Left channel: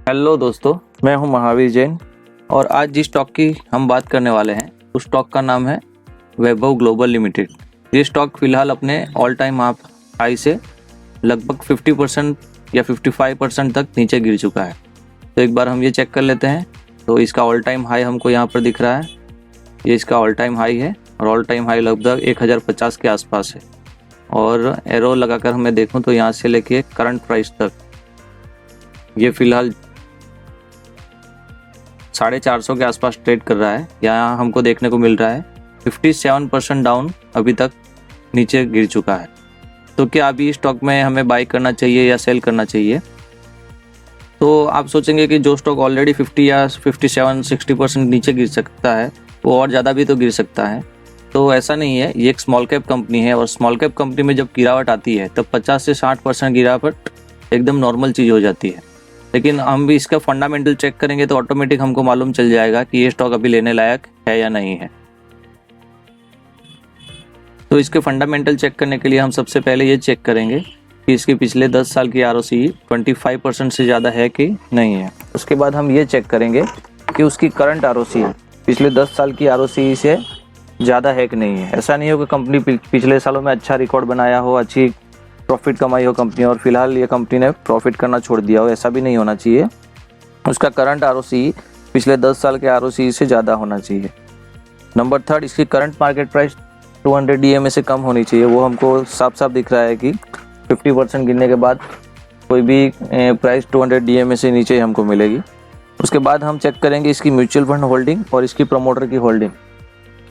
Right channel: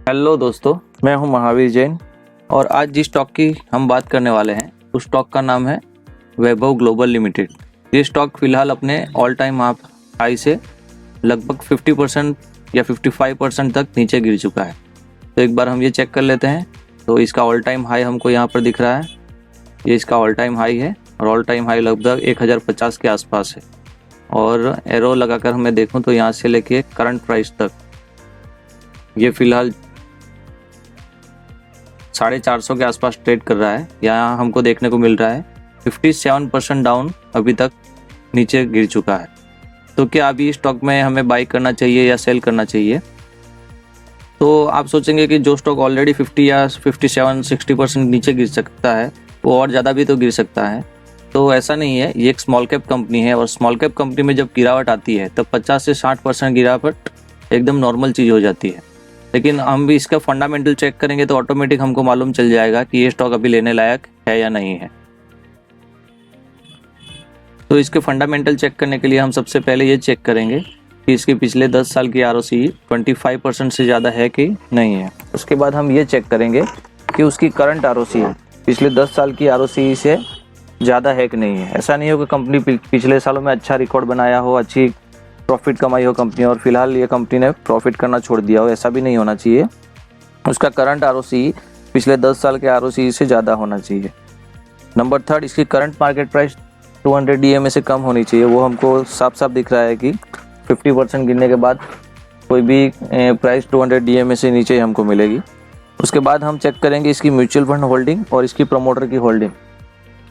Hello दोस्तों, मैं हूं महावीर जैन और आज जिस स्टॉक की हम बात करने वाले हैं उस स्टॉक का नाम है वैभव ग्लोबल लिमिटेड। ये स्टॉक फिलहाल अपने ऑल टाइम हाई से लगभग 50% या 55% तक नीचे गिर चुका है। तो एक बार हम ये चेक कर लेते हैं। तो इसका ऑल टाइम हाई हमको यहाँ पर दिख रहा है, ये इसका ऑल टाइम हाई है और ऑल टाइम हाई लगभग 1050 के आसपास है। और एरो लगाकर हमें देखूं तो यहाँ से लेके करंट प्राइस तक ये फिलहाल 450 के आसपास ट्रेड कर रहा है। यहाँ हमको देखने को मिल रहा है 57% डाउन अभी तक नीचे गिर चुका है। तो क्या अभी स्टॉक में हमें बाई करना चाहिए या सेल करना चाहिए? तो आप सोचेंगे कि जो स्टॉक ऑलरेडी 50 या 57-60% नीचे गिर सकता है वो और ज़्यादा भी तो गिर सकता है। तो ऐसा नहीं है, ये एक स्मॉल कैप कंपनी है और स्मॉल कैप कंपनी में जब गिरावट आती है तो 50 से 60% गिरावट एकदम नॉर्मल चीज़ हो जाती है। लेकिन हम भी इसका फंडामेंटल चेक करेंगे तो ऑटोमेटिक हमको मालूम चल जाएगा कि ये स्टॉक अभी लेने लायक है या नहीं है। तो इसके फंडामेंटल चेक करने के लिए हम सबसे पहले ये चेक करेंगे कि इसके पिछले 10 साल की ROCE 25% से ज़्यादा है कि नहीं है। उसके बाद हम ये चेक करेंगे कि उसकी करंट ROCE पिछले 10 साल की ROCE से ज़्यादा है कि नहीं है। ऐसा नहीं हो कि कंपनी पिछले सालों में अच्छा रिकॉर्ड बनाया हो, अच्छी प्रॉफिट कमाई हो कंपनी और फिलहाल ये कंपनी ने प्रॉफिट करना छोड़ दिया हो, ऐसा भी नहीं होना चाहिए। उसका करंट ROCE पिछले 10 साल के ROCE से ज़्यादा होना चाहिए। नंबर 3, इसकी करंट मार्केट प्राइस 200 DMA से कम होनी चाहिए। वो हमको साफ साफ दिख रहा है कि 50% गिरने के बाद कोई भी प्राइस 200 DMA से नीचे ही हमको मिलेगी। उसके बाद हम चेक करेंगे इसकी म्यूचुअल फंड होल्डिंग और इसकी प्रमोटर की होल्डिंग,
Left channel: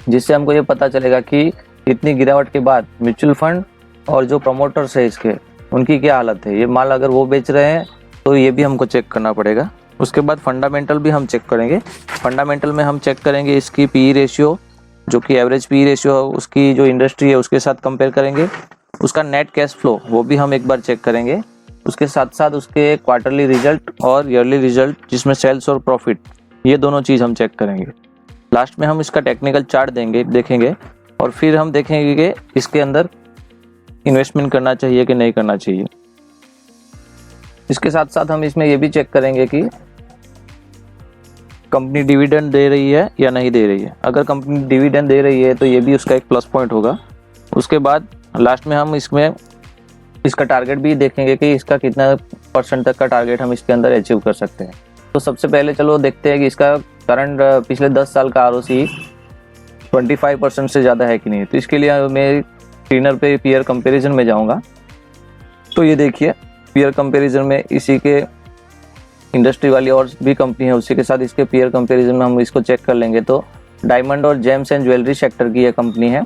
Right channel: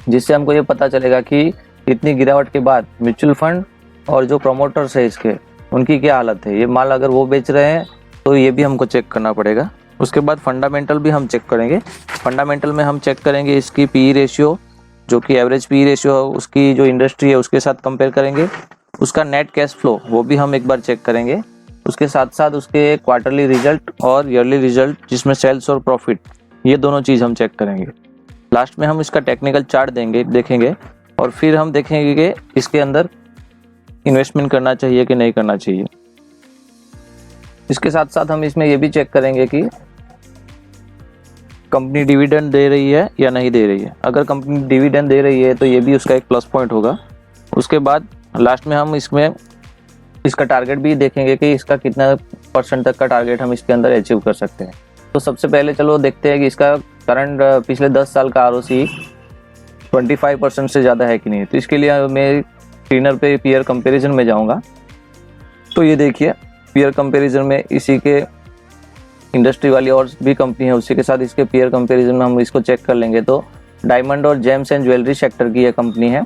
जिससे हमको ये पता चलेगा कि इतनी गिरावट के बाद म्यूचुअल फंड और जो प्रमोटर्स है इसके उनकी क्या हालत है। ये माल अगर वो बेच रहे हैं तो ये भी हमको चेक करना पड़ेगा। उसके बाद फंडामेंटल भी हम चेक करेंगे। फंडामेंटल में हम चेक करेंगे इसकी PE रेशियो, जो कि एवरेज PE रेशियो उसकी जो इंडस्ट्री है उसके साथ कंपेयर करेंगे। उसका नेट कैश फ्लो वो भी हम एक बार चेक करेंगे। उसके साथ साथ उसके क्वार्टरली रिजल्ट और ईयरली रिजल्ट जिसमें सेल्स और प्रॉफिट, ये दोनों चीज़ हम चेक करेंगे। लास्ट में हम इसका टेक्निकल चार्ट देखेंगे और फिर हम देखेंगे कि इसके अंदर इन्वेस्टमेंट करना चाहिए कि नहीं करना चाहिए। इसके साथ साथ हम इसमें ये भी चेक करेंगे कि कंपनी डिविडेंड दे रही है या नहीं दे रही है। अगर कंपनी डिविडेंड दे रही है तो ये भी उसका एक प्लस पॉइंट होगा। उसके बाद लास्ट में हम इसमें इसका टारगेट भी देखेंगे कि इसका कितना % तक का टारगेट हम इसके अंदर अचीव कर सकते हैं। तो सबसे पहले चलो देखते हैं कि इसका करंट पिछले 10 साल का ROCE 25% से ज़्यादा है कि नहीं। तो इसके लिए मैं स्क्रीनर पे पीयर कंपैरिजन में जाऊंगा। तो ये देखिए पीयर कंपैरिजन में इसी के इंडस्ट्री वाली और भी कंपनी है, उसी के साथ इसके पीयर कंपैरिजन में हम इसको चेक कर लेंगे। तो डायमंड और जेम्स एंड ज्वेलरी सेक्टर की ये कंपनी है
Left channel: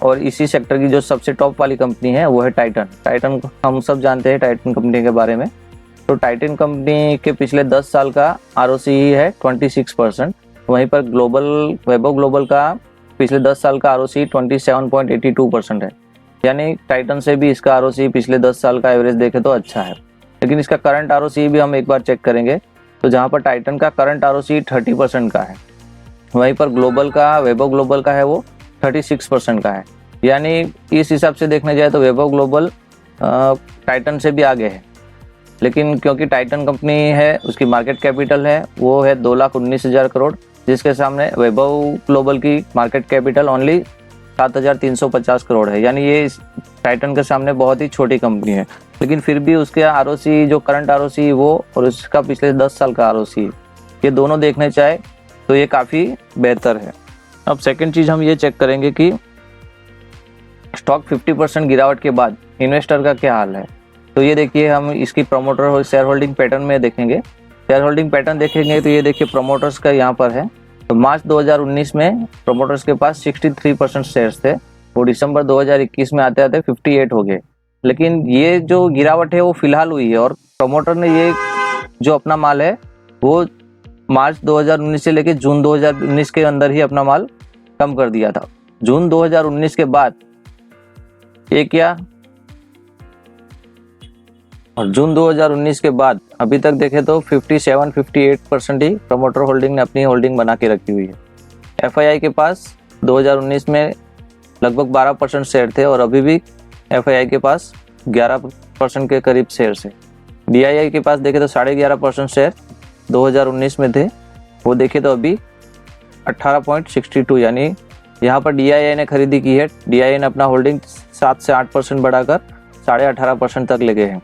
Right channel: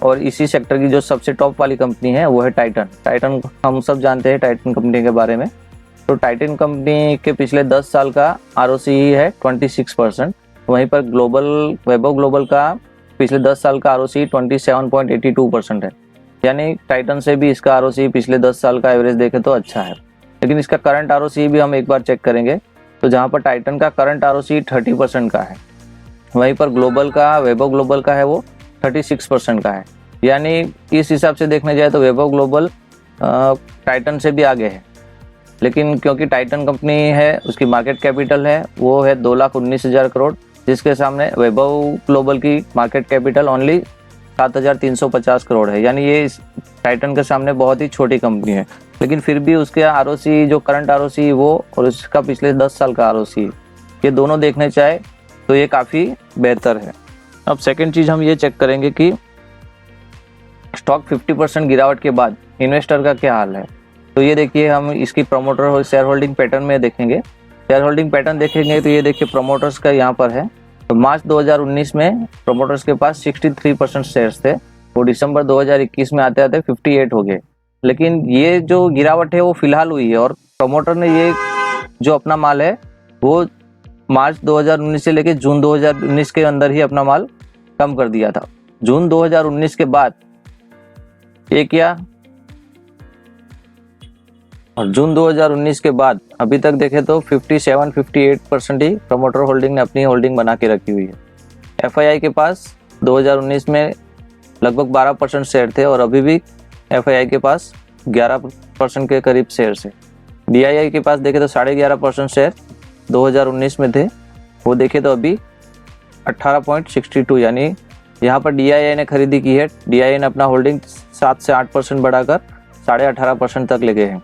और इसी सेक्टर की जो सबसे टॉप वाली कंपनी है वो है टाइटन। हम सब जानते हैं टाइटन कंपनी के बारे में। तो टाइटन कंपनी के पिछले 10 साल का ROCE है 26%। वहीं पर वैभव ग्लोबल का पिछले 10 साल का ROCE 27.82% है। यानी टाइटन से भी इसका ROCE पिछले 10 साल का एवरेज देखे तो अच्छा है। लेकिन इसका करंट ROCE भी हम एक बार चेक करेंगे। तो जहाँ पर टाइटन का करंट ROCE 30% का है, वहीं पर वैभव ग्लोबल का है वो 36% का है। यानी इस हिसाब से देखने जाए तो वैभव ग्लोबल टाइटन से भी आगे है। लेकिन क्योंकि टाइटन कंपनी है, उसकी मार्केट कैपिटल है वो है 2,19,000 करोड़, जिसके सामने वैभव ग्लोबल की मार्केट कैपिटल ओनली 7,350 करोड़ है। यानी ये टाइटन के सामने बहुत ही छोटी कंपनी है। लेकिन फिर भी उसके ROCE जो करंट ROCE वो और उसका पिछले 10 साल का ROCE, ये दोनों देखने चाहे तो ये काफ़ी बेहतर है। अब सेकंड चीज़ हम ये चेक करेंगे कि स्टॉक 50% गिरावट के बाद इन्वेस्टर का क्या हाल है। तो ये देखिए हम इसकी प्रमोटर और शेयर होल्डिंग पैटर्न में देखेंगे। शेयर होल्डिंग पैटर्न देखेंगे तो ये देखिए प्रमोटर्स का यहाँ पर है। तो मार्च 2019 में प्रमोटर्स के पास 63% शेयर्स थे और दिसंबर 2021 में आते आते 58 हो गए। लेकिन ये जो गिरावट है वो फिलहाल हुई है और प्रमोटर ने ये जो अपना माल है वो मार्च 2019 से लेकर जून 2019 के अंदर ही अपना माल कम कर दिया था। जून 2019 के बाद ये क्या और जून 2019 के बाद अभी तक देखे तो 57-58% ही प्रमोटर होल्डिंग ने अपनी होल्डिंग बना के रखी हुई है। FII के पास 2019 में लगभग 12% शेयर थे और अभी भी FII के पास 11% के करीब शेयर है। DII के पास देखे तो 11.5% शेयर 2019 में थे, वो देखे तो अभी 18.62, यानी यहाँ पर DII ने खरीदी की है। DII ने अपना होल्डिंग 7 से 8% बढ़ाकर 18.5% तक ले गए हैं।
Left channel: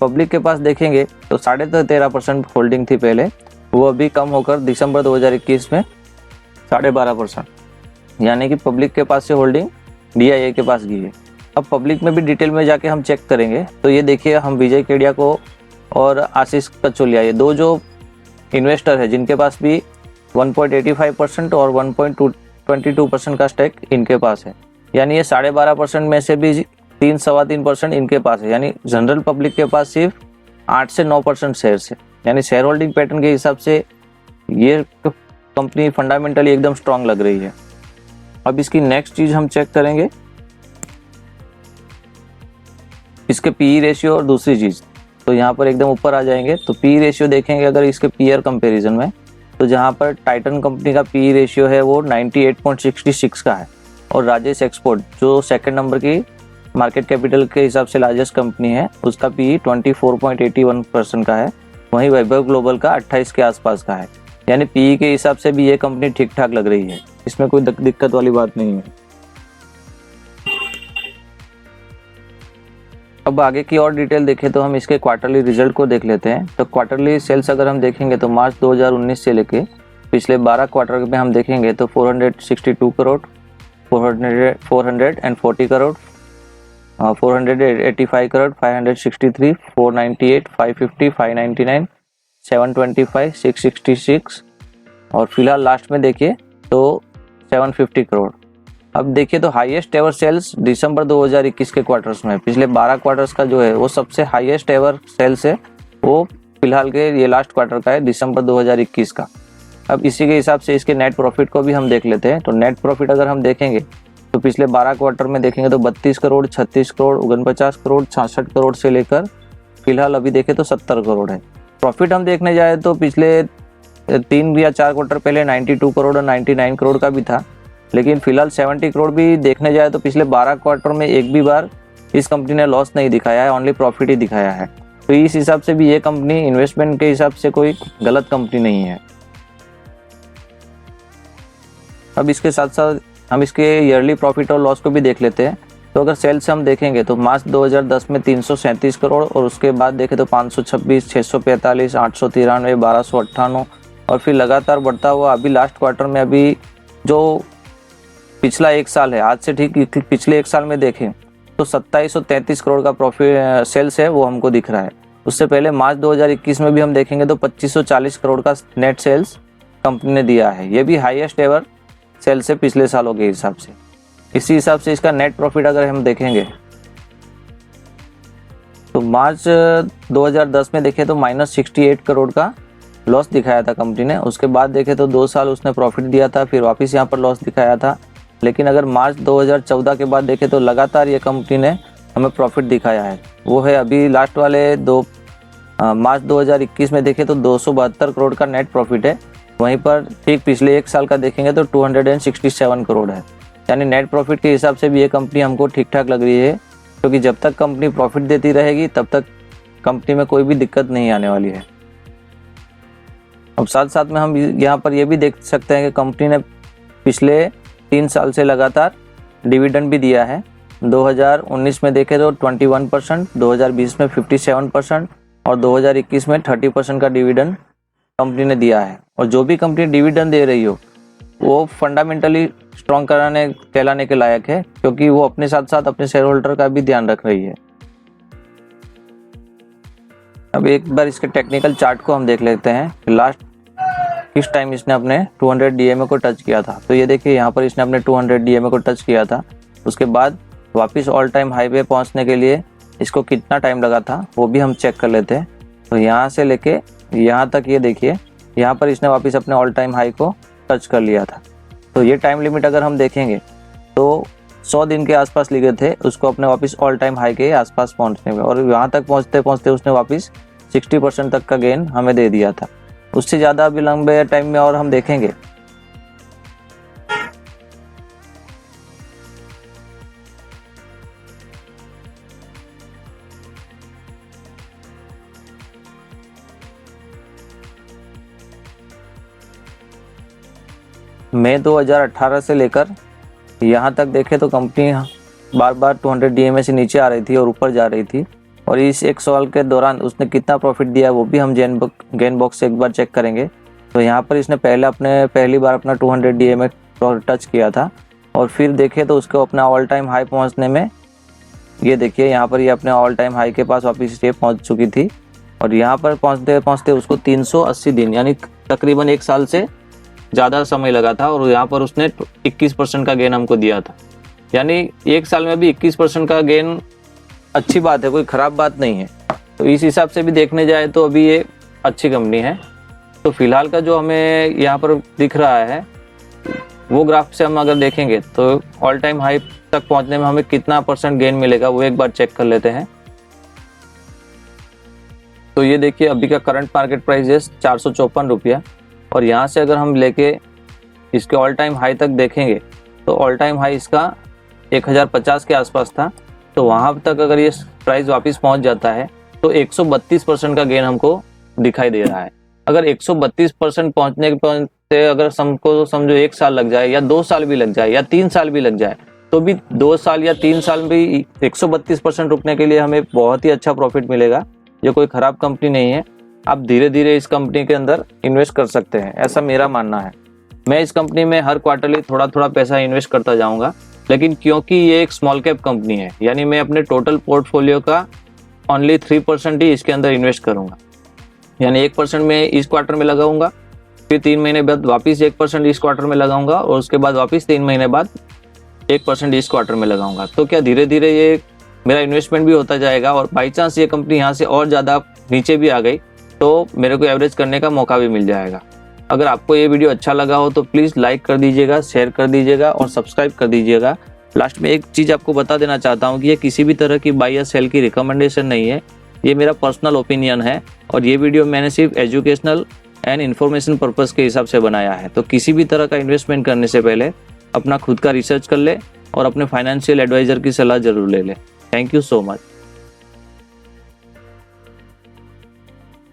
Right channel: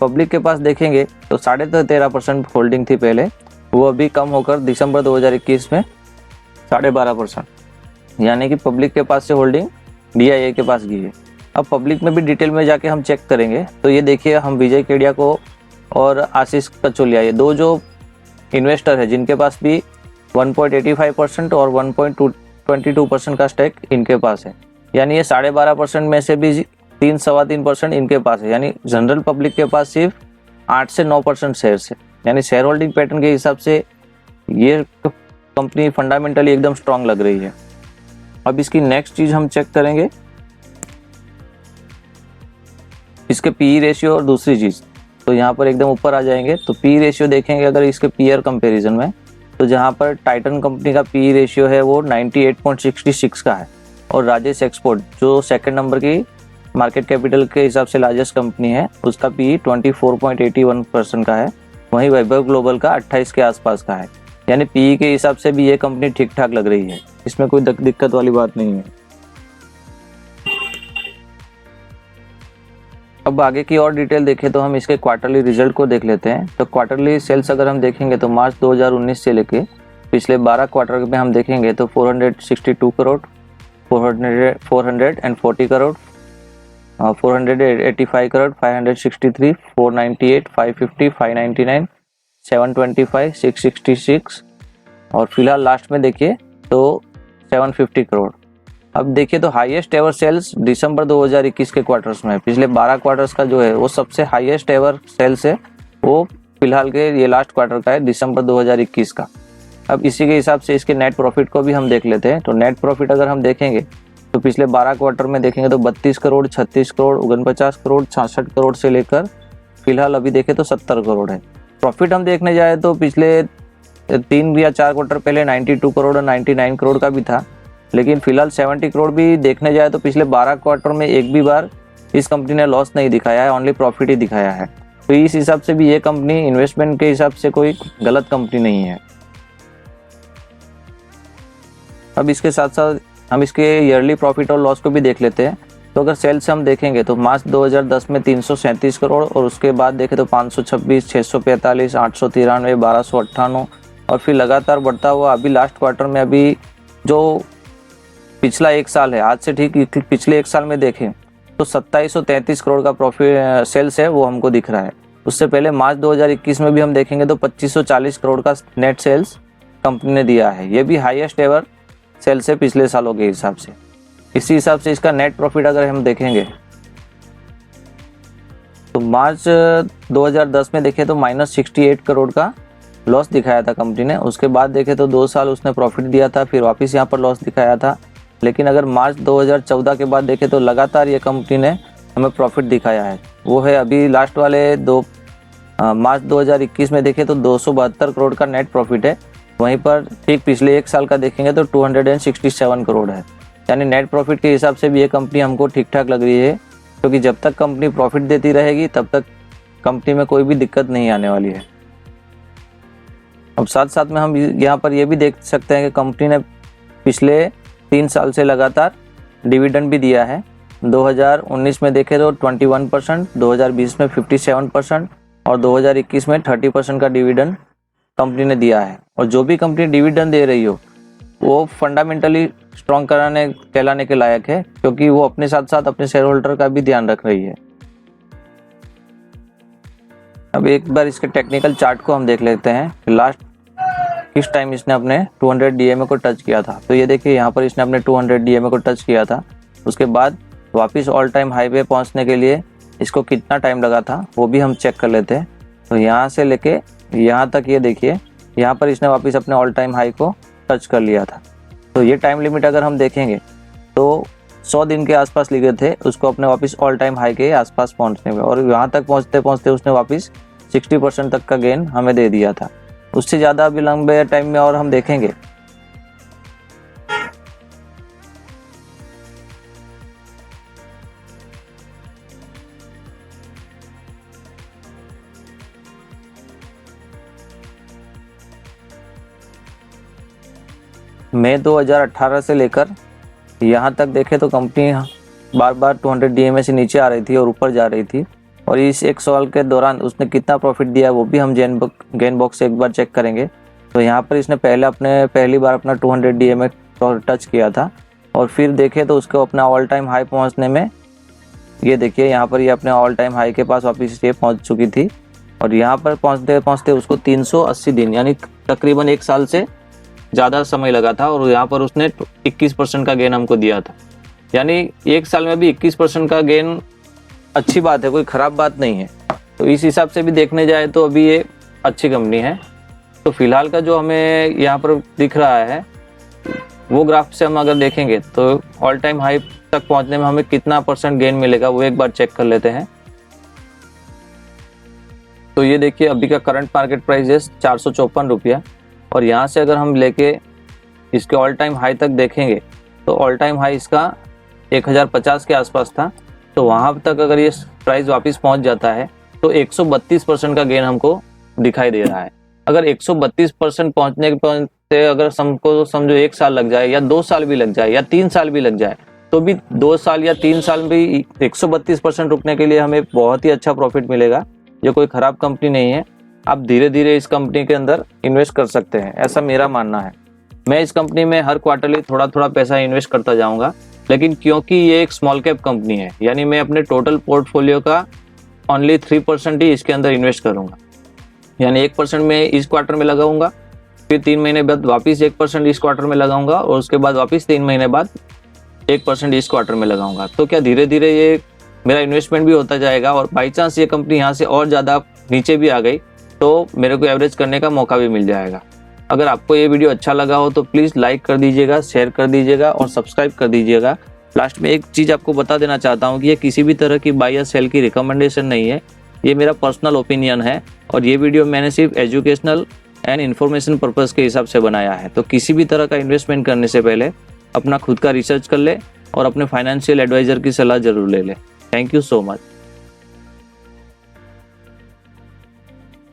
पब्लिक के पास देखेंगे तो 13.5% होल्डिंग थी पहले, वो अभी कम होकर दिसंबर 2021 में 12.5%, यानी कि पब्लिक के पास से होल्डिंग DII के पास गई है। अब पब्लिक में भी डिटेल में जाके हम चेक करेंगे तो ये देखिए, हम विजय केडिया को और आशीष कचोलिया, ये दो जो इन्वेस्टर है जिनके पास भी 1.85% और 1.22% का स्टेक इनके पास है, यानी ये 12.5% में से भी 3-3.25% इनके पास है, यानी जनरल पब्लिक के पास सिर्फ 8 से 9% शेयर है। यानी शेयर होल्डिंग पैटर्न के हिसाब से ये कंपनी फंडामेंटली एकदम स्ट्रांग लग रही है। अब इसकी नेक्स्ट चीज हम चेक करेंगे इसके पीई रेशियो और दूसरी चीज, तो यहाँ पर एकदम ऊपर आ जाएंगे तो पीई रेशियो देखेंगे अगर इसके पीयर कंपैरिजन में, तो जहाँ पर टाइटन कंपनी का पीई रेशियो है वो 98.66 का है, और राजेश एक्सपोर्ट जो सेकंड नंबर के मार्केट कैपिटल के हिसाब से लार्जेस्ट कंपनी है उसका पीई 24.81% का है, वहीं वैभव ग्लोबल का 28 के आसपास का है। यानी पीई के हिसाब से भी ये कंपनी ठीक ठाक लग रही है, इसमें कोई दिक्कत वाली बात नहीं है। अब आगे की और डिटेल देखें तो हम इसके क्वार्टरली रिजल्ट को देख लेते हैं। तो क्वार्टरली सेल्स अगर हम देखेंगे तो मार्च 2019 से लेके पिछले 12 क्वार्टर में हम देखेंगे तो 462 करोड़, 440 करोड़, 485 करोड़, 563, 498, 550, 599, 725, 666 और फिलहाल लास्ट में देखिए तो 750 करोड़। अब देखिए तो हाईएस्ट एवर सेल्स दिसंबर 2021 के क्वार्टर्स में, पिछले 12 क्वार्टर्स का जो है वो सबसे हाईएस्ट एवर सेल्स है, वो फिलहाल के ये लास्ट क्वार्टर का है दिसंबर 2021 का। अब इसी के हिसाब से इसके नेट प्रॉफिट को भी हम देख लेते हैं। तो नेट प्रॉफिट अगर हम देखेंगे तो पिछले 12 क्वार्टर में देखेंगे तो 32 करोड़, 36 करोड़, 49 करोड़, 66 करोड़ से लेकर फिलहाल अभी देखें तो 70 करोड़ है। प्रॉफिट हम देखने जाए तो पिछले 3 या 4 क्वार्टर पहले 92 करोड़ और 99 करोड़ का भी था, लेकिन फिलहाल 70 करोड़ भी देखने जाए तो पिछले 12 क्वार्टर में एक भी बार इस कंपनी ने लॉस नहीं दिखाया है, ओनली प्रॉफिट ही दिखाया है। तो इस हिसाब से भी ये कंपनी इन्वेस्टमेंट के हिसाब से कोई गलत कंपनी नहीं है। अब इसके साथ साथ हम इसके ईयरली प्रॉफिट और लॉस को भी देख लेते हैं। तो अगर सेल्स हम देखेंगे तो मार्च 2010 में 337 करोड़ और उसके बाद देखें तो 526, 645, 893, 1298 और फिर लगातार बढ़ता हुआ अभी लास्ट क्वार्टर में अभी जो पिछला एक साल है, आज से ठीक पिछले एक साल में देखें तो 2733 करोड़ का प्रॉफिट सेल्स है वो हमको दिख रहा है। उससे पहले मार्च 2021 में भी हम देखेंगे तो 2540 करोड़ का नेट सेल्स कंपनी ने दिया है, ये भी हाईएस्ट एवर सेल्स है पिछले सालों के हिसाब से। इसी हिसाब से इसका नेट प्रॉफिट अगर हम देखेंगे तो मार्च 2010 में देखें तो -68 करोड़ का लॉस दिखाया था कंपनी ने, उसके बाद देखें तो 2 साल उसने प्रॉफिट दिया था, फिर वापस यहाँ पर लॉस दिखाया था। लेकिन अगर मार्च 2014 के बाद देखें तो लगातार ये कंपनी ने हमें प्रॉफिट दिखाया है, वो है अभी लास्ट वाले मार्च 2021 में देखें तो 272 करोड़ का नेट प्रॉफिट है, वहीं पर ठीक पिछले एक साल का देखेंगे तो 267 करोड़ है। यानी नेट प्रॉफिट के हिसाब से भी ये कंपनी हमको ठीक ठाक लग रही है, क्योंकि जब तक कंपनी प्रॉफिट देती रहेगी तब तक कंपनी में कोई भी दिक्कत नहीं आने वाली है। अब साथ साथ में हम यहाँ पर ये भी देख सकते हैं कि कंपनी ने पिछले 3 साल से लगातार डिविडेंड भी दिया है। 2019 में देखें तो 21%, 2020 में 57% और 2021 में 30% का डिविडेंड कंपनी ने दिया है। और जो भी कंपनी डिविडेंड दे रही हो वो फंडामेंटली स्ट्रॉन्ग कहलाने के लायक है, क्योंकि वो अपने साथ साथ अपने शेयर होल्डर का भी ध्यान रख रही है। अब एक बार इसके टेक्निकल चार्ट को हम देख लेते हैं, लास्ट किस टाइम इसने अपने 200 DMA को टच किया था। तो ये देखिए यहाँ पर इसने अपने 200 DMA को टच किया था, उसके बाद वापस ऑल टाइम हाई पे पहुँचने के लिए इसको कितना टाइम लगा था वो भी हम चेक कर लेते हैं। तो यहाँ से लेके यहाँ तक ये देखिए, यहाँ पर इसने वापस अपने ऑल टाइम हाई को टच कर लिया था। तो ये टाइम लिमिट अगर हम देखेंगे तो 100 दिन के आसपास लिखे थे उसको अपने वापस ऑल टाइम हाई के आसपास पहुंचने में, और यहाँ तक पहुंचते पहुंचते उसने वापस 60% तक का गेन हमें दे दिया था। उससे ज़्यादा अभी लंबे टाइम में और हम देखेंगे मई 2018 से लेकर यहाँ तक देखें तो कंपनी बार बार 200 DMA से नीचे आ रही थी और ऊपर जा रही थी, और इस एक साल के दौरान उसने कितना प्रॉफिट दिया वो भी हम गेन बॉक्स से एक बार चेक करेंगे। तो यहाँ पर इसने पहली बार अपना 200 DMA टच किया था, और फिर देखें तो उसको अपना ऑल टाइम हाई पहुँचने में, ये देखिए यहाँ पर ये अपने ऑल टाइम हाई के पास वापस ये पहुँच चुकी थी, और यहाँ पर पहुँचते पहुँचते उसको 380 दिन यानी तकरीबन एक साल से ज़्यादा समय लगा था, और यहाँ पर उसने 21% का गेन हमको दिया था। यानी एक साल में भी 21% का गेन अच्छी बात है, कोई ख़राब बात नहीं है। तो इस हिसाब से भी देखने जाए तो अभी ये अच्छी कंपनी है। तो फिलहाल का जो हमें यहाँ पर दिख रहा है वो ग्राफ से हम अगर देखेंगे तो ऑल टाइम हाई तक पहुंचने में हमें कितना % गेन मिलेगा वो एक बार चेक कर लेते हैं। तो ये देखिए अभी का करंट मार्केट प्राइस है 454 रुपया, और यहाँ से अगर हम लेके इसके ऑल टाइम हाई तक देखेंगे तो ऑल टाइम हाई इसका 1050 के आसपास था। तो वहां तक अगर ये प्राइस वापस पहुंच जाता है तो 132% का गेन हमको दिखाई दे रहा है। अगर 132% पहुंचने के अगर हमको समझो 1 साल लग जाए या 2 साल भी लग जाए या 3 साल भी लग जाए, तो भी 2 साल या 3 साल भी 132% रुकने के लिए हमें बहुत ही अच्छा प्रॉफिट मिलेगा। ये कोई खराब कंपनी नहीं है, आप धीरे धीरे इस कंपनी के अंदर इन्वेस्ट कर सकते हैं, ऐसा मेरा मानना है। मैं इस कंपनी में हर क्वार्टरली थोड़ा थोड़ा पैसा इन्वेस्ट करता जाऊंगा, लेकिन क्योंकि ये एक स्मॉल कैप कंपनी है, यानी मैं अपने टोटल पोर्टफोलियो का ओनली 3% ही इसके अंदर इन्वेस्ट करूंगा। यानी 1% मैं इस क्वार्टर में लगाऊंगा, फिर 3 महीने बाद वापस 1% इस क्वार्टर में लगाऊंगा, और उसके बाद वापस 3 महीने बाद 1% इस क्वार्टर में लगाऊंगा। तो क्या धीरे धीरे ये मेरा इन्वेस्टमेंट भी होता जाएगा, और बाई चांस ये कंपनी यहाँ से और ज़्यादा नीचे भी आ गई तो मेरे को एवरेज करने का मौका भी मिल जाएगा। अगर आपको ये वीडियो अच्छा लगा हो तो प्लीज़ लाइक कर दीजिएगा, शेयर कर दीजिएगा और सब्सक्राइब कर दीजिएगा। लास्ट में एक चीज़ आपको बता देना चाहता हूँ कि ये किसी भी तरह की बाय या सेल की रिकमेंडेशन नहीं है, ये मेरा पर्सनल ओपिनियन है, और ये वीडियो मैंने सिर्फ एजुकेशनल एंड इन्फॉर्मेशन पर्पज़ के हिसाब से बनाया है। तो किसी भी तरह का इन्वेस्टमेंट करने से पहले अपना खुद का रिसर्च कर लें और अपने फाइनेंशियल एडवाइज़र की सलाह जरूर ले लें। Thank you so much.